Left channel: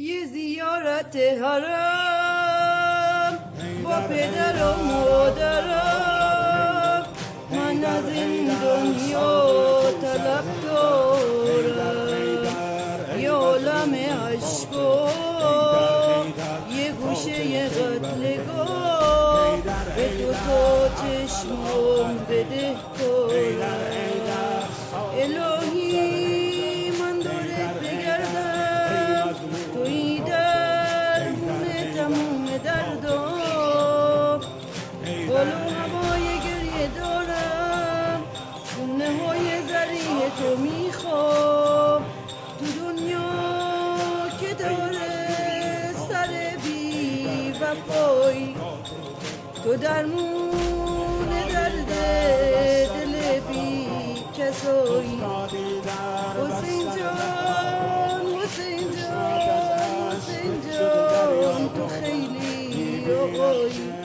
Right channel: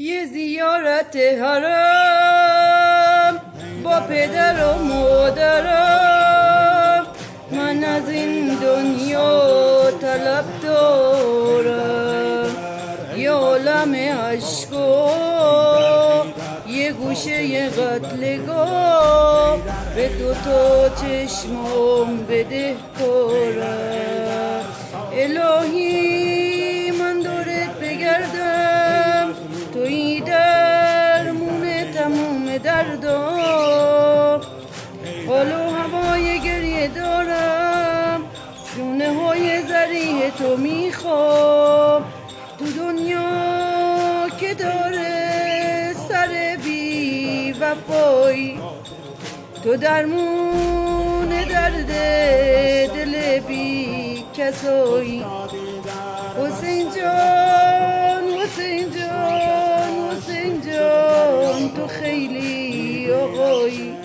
یه زیارت حرم با پدر و مادرم، من از این دنیا طلب دارم. یه عالم عشقا یه گوشه قتلگاه، به دوتا چشمام بده کارم. الهی من دورت بگردم، توی درمون تموم دردام. حال و هوای گریه دارم، دونه های زریح تو میخوام. تو دنیا که داره سر بی وفایی، تو درمون درد دل بی کسایی. حسین جان حسین جان حسین جان، تو خیلی آقایی.